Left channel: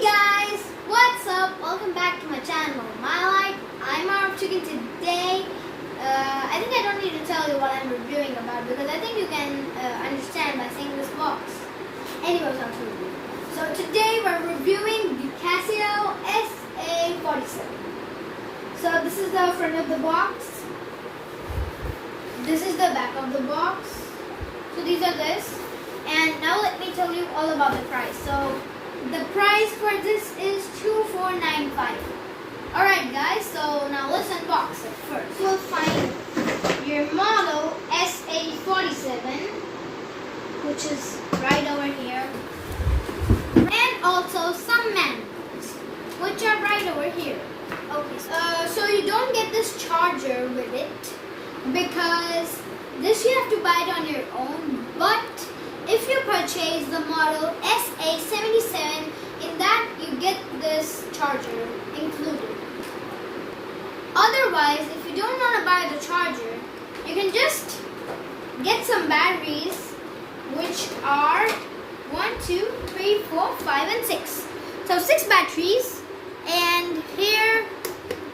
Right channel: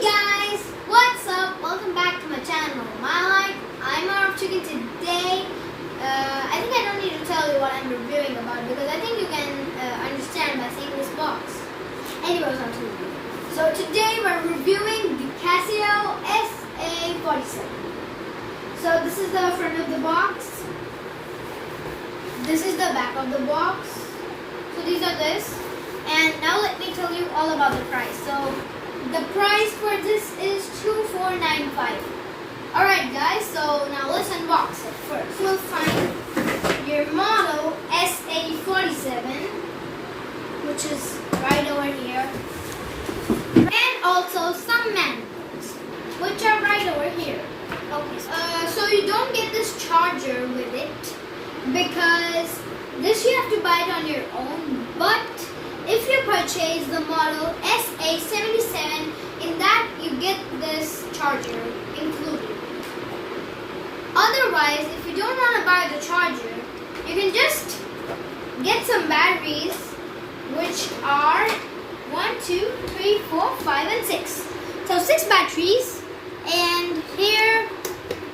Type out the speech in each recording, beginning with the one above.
Hey guys, what's up? Welcome back to my channel, My Life. I'm Arab Chicken today. I think I don't need to tell you what I'm reviewing about because I think you can understand by seeing this box. Anyways, on to review. So today we're reviewing the Casio SA-47. So this is the front of the box. This is the back of the box. So these are this. And now let me tell you all about the price. So the price for this is $24.95. Alright guys, so now let's unbox it first. You'll find your model SA-47, which is right over here. And also some manuals, which are right over here. Okay, so you don't get this charger with it because this you have to buy it on your own. But if you purchase the model SA-47, in that you get this charger included. Otherwise, if you don't want to buy the charger, you can just get some batteries, which are 1, 2, 3, 4, 5, and 6. So 6 batteries, and here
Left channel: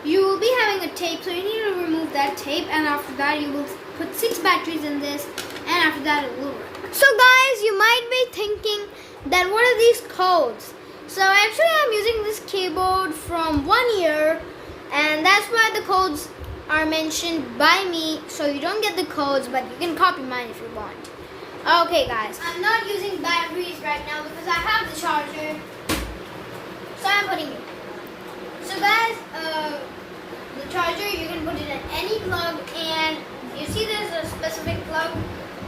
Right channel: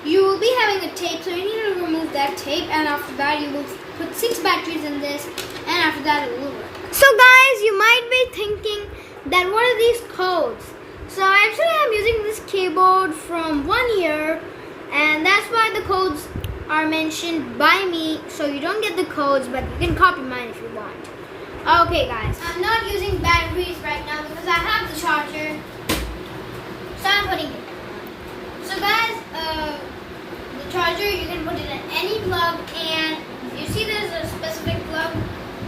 you will be having a tape, so you need to remove that tape, and after that you will put 6 batteries in this, and after that it will work. So guys, you might be thinking that what are these codes? So actually I'm using this keyboard from 1 year, and that's why the codes are mentioned by me, so you don't get the codes, but you can copy mine if you want. Okay guys, I'm not using batteries right now because I have the charger, so I'm putting it. So guys, the charger, you can put it in any plug, and you see there's a specific plug,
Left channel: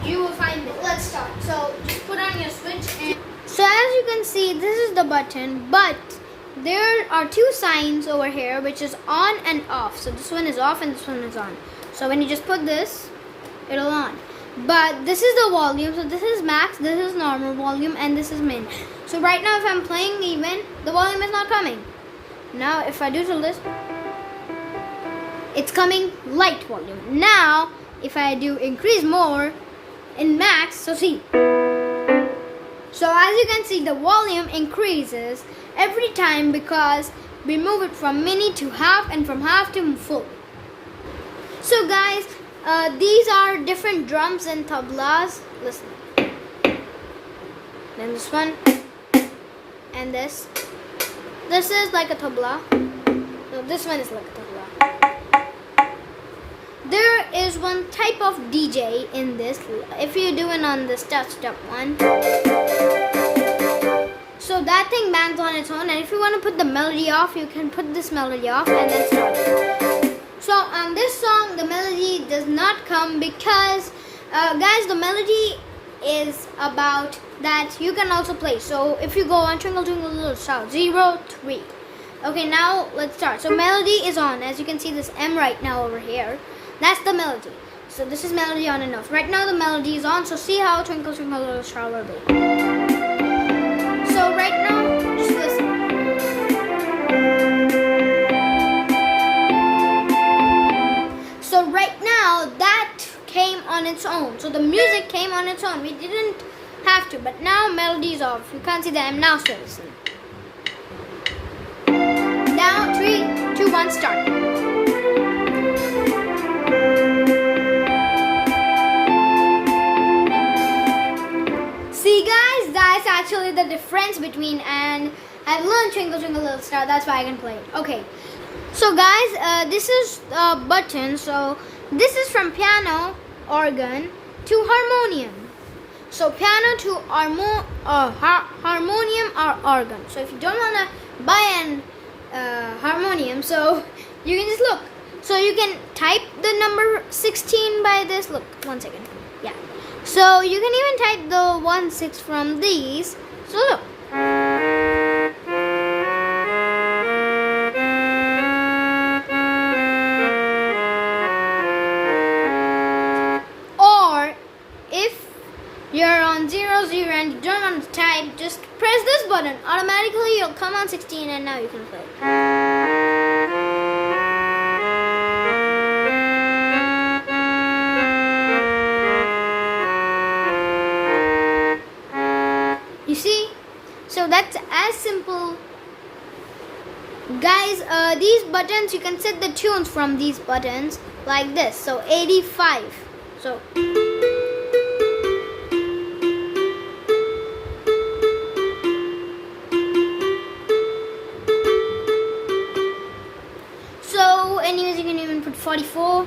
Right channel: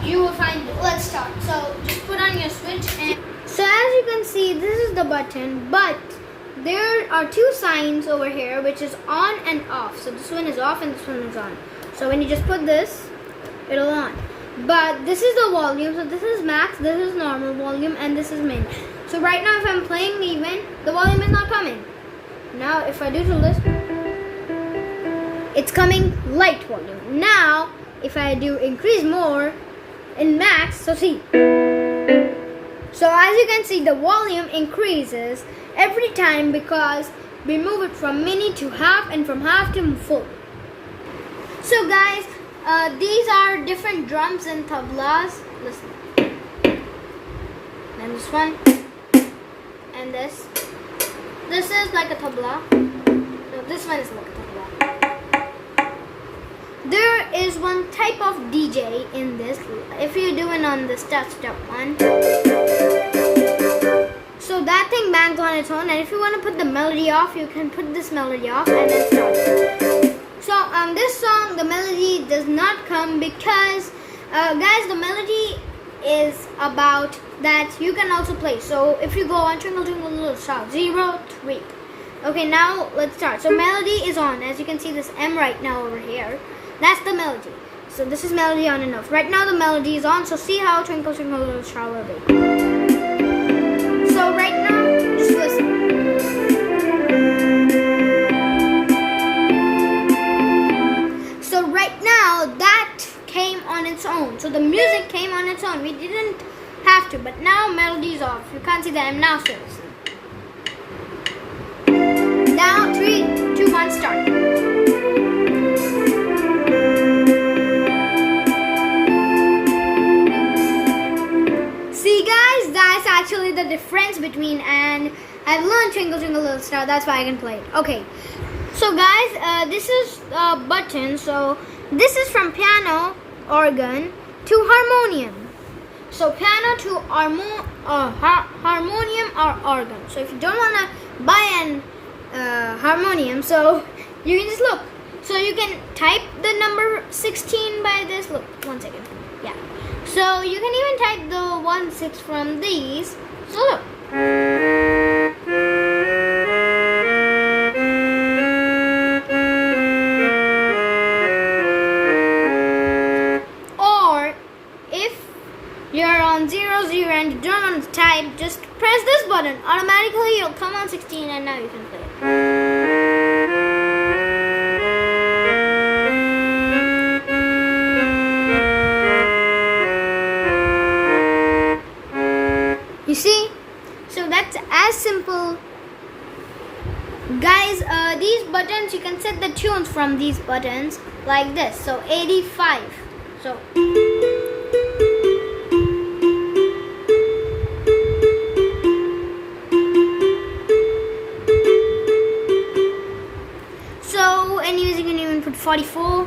you will find it. Let's start. So just put on your switch, and so as you can see, this is the button, but there are 2 signs over here, which is on and off. So this one is off and this one is on. So when you just put this, it'll on. But this is the volume. So this is max, this is normal volume, and this is min. So right now if I'm playing even, the volume is not coming. Now if I do this, it's coming light volume. Now if I do increase more in max, so see. So as you can see, the volume increases every time because we move it from mini to half and from half to full. So guys, these are different drums and tablas. Listen. Then this one and this. This is like a tabla. No, this one is like a tabla. There is one type of DJ in this. If you do it on this step one, so that thing bangs on its own, and if you want to put the melody off, you can put this melody off and then start it. So on this song, the melody does not come because guys, the melody is about that you can also play. So if you go on Twinkle Twinkle Little Star 0, 3. Okay, now let's start. So melody is on. As you can see, this M right now over here, that's the melody. So this is melody on and off. Right now the melody is on, so see how Twinkle Twinkle Little Star will be. So right now, just listen. So right now, that came on its own. So the music came on its own. We didn't have to, but now melody is off. You can't see that I'm now still listening. Now 3, 2, 1, start. That's actually the difference between, and I've learned Twinkle Twinkle Little Star, that's why I can play it. Okay, so guys, this is a button. So this is from piano, organ to harmonium. So piano to harmonium or organ. So if you don't want to buy an harmonium, so you can just look. So you can type the number 16 by this. Look, 1 second. Yeah. So you can even type the 1, 6 from these. So look. Or if you're on 0, 0 and you don't want to type, just press this button. Automatically you'll come on 16 and now you can play it. You see? So that's as simple Guys, these buttons, you can set the tunes from these buttons like this. So 85. So anyways, you can even put 44.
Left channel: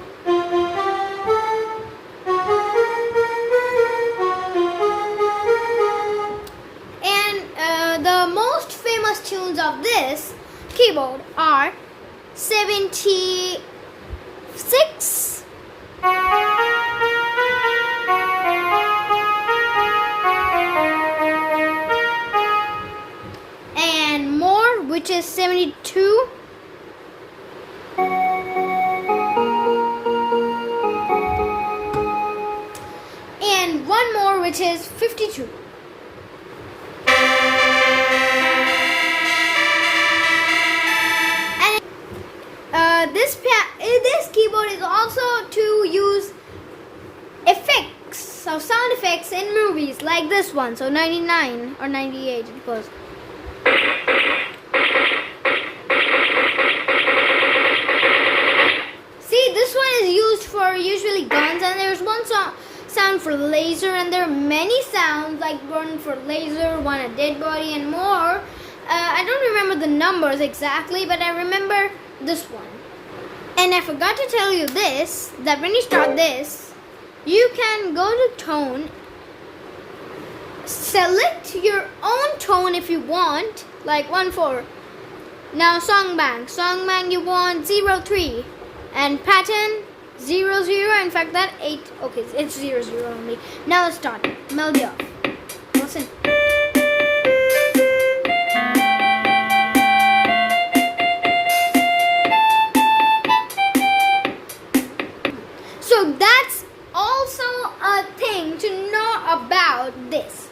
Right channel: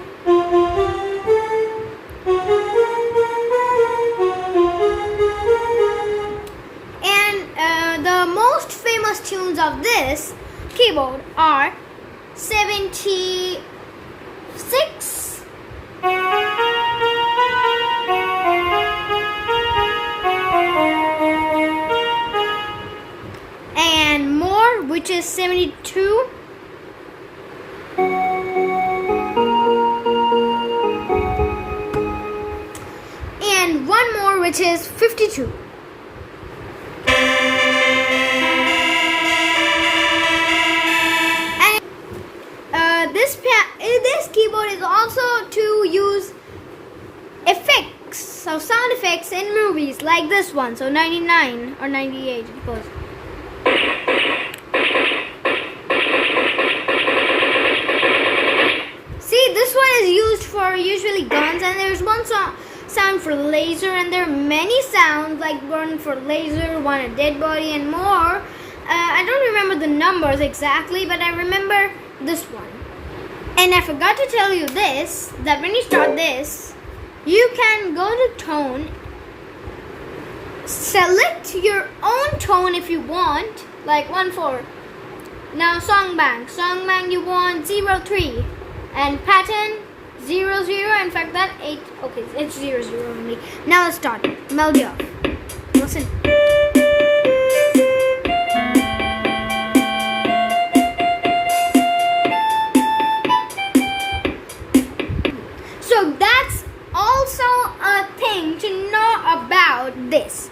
And the most famous tunes of this keyboard are 76, and more, which is 72, and one more, which is 52. This keyboard is also to use effects, so sound effects in movies like this one. So 99 or 98 it goes. See, this one is used for usually guns, and there's one sound for laser, and there are many sounds like one for laser, one a dead body, and more. I don't remember the numbers exactly, but I remember this one. And I forgot to tell you this, that when you start this, you can go to tone, select your own tone if you want, like 1-4. Now song bank you want 0-3, and pattern 0-0. In fact, that 8. Okay, it's 0-0 only. Now let's start. Melody off. Listen. So that's also a thing to know about this.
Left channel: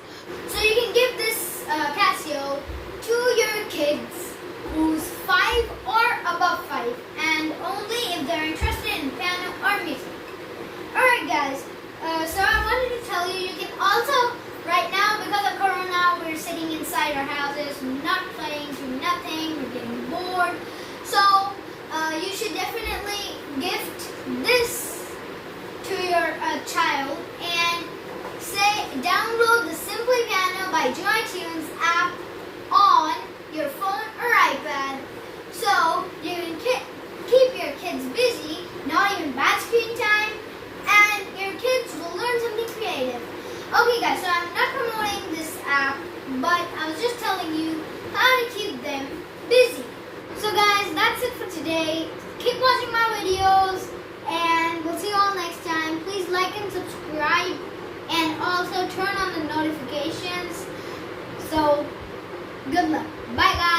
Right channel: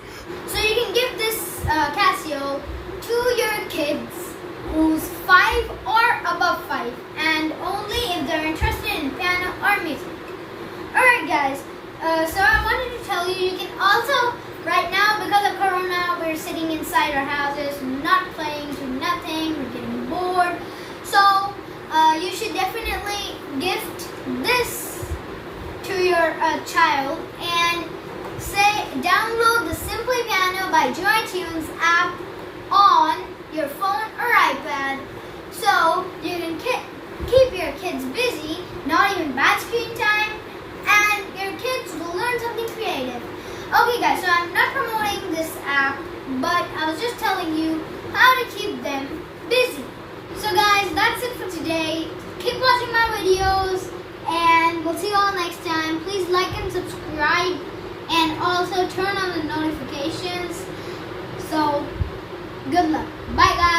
So you can give this Casio to your kids who's 5 or above 5, and only if they're interested in piano or music. Alright guys, so I wanted to tell you, you can also, right now because of Corona, we're sitting inside our houses, not playing, do nothing, we're getting bored. So you should definitely gift this to your child and say download the Simply Piano by Joy Tunes app on your phone or iPad, so you can keep your kids busy, not even bad screen time, and your kids will learn something creative. Okay guys, so I'm not promoting this app, but I was just telling you how to keep them busy. So guys, that's it for today. Keep watching my videos, and we'll see you all next time. Please like and subscribe, and also turn on the notifications. So good luck. Bye guys.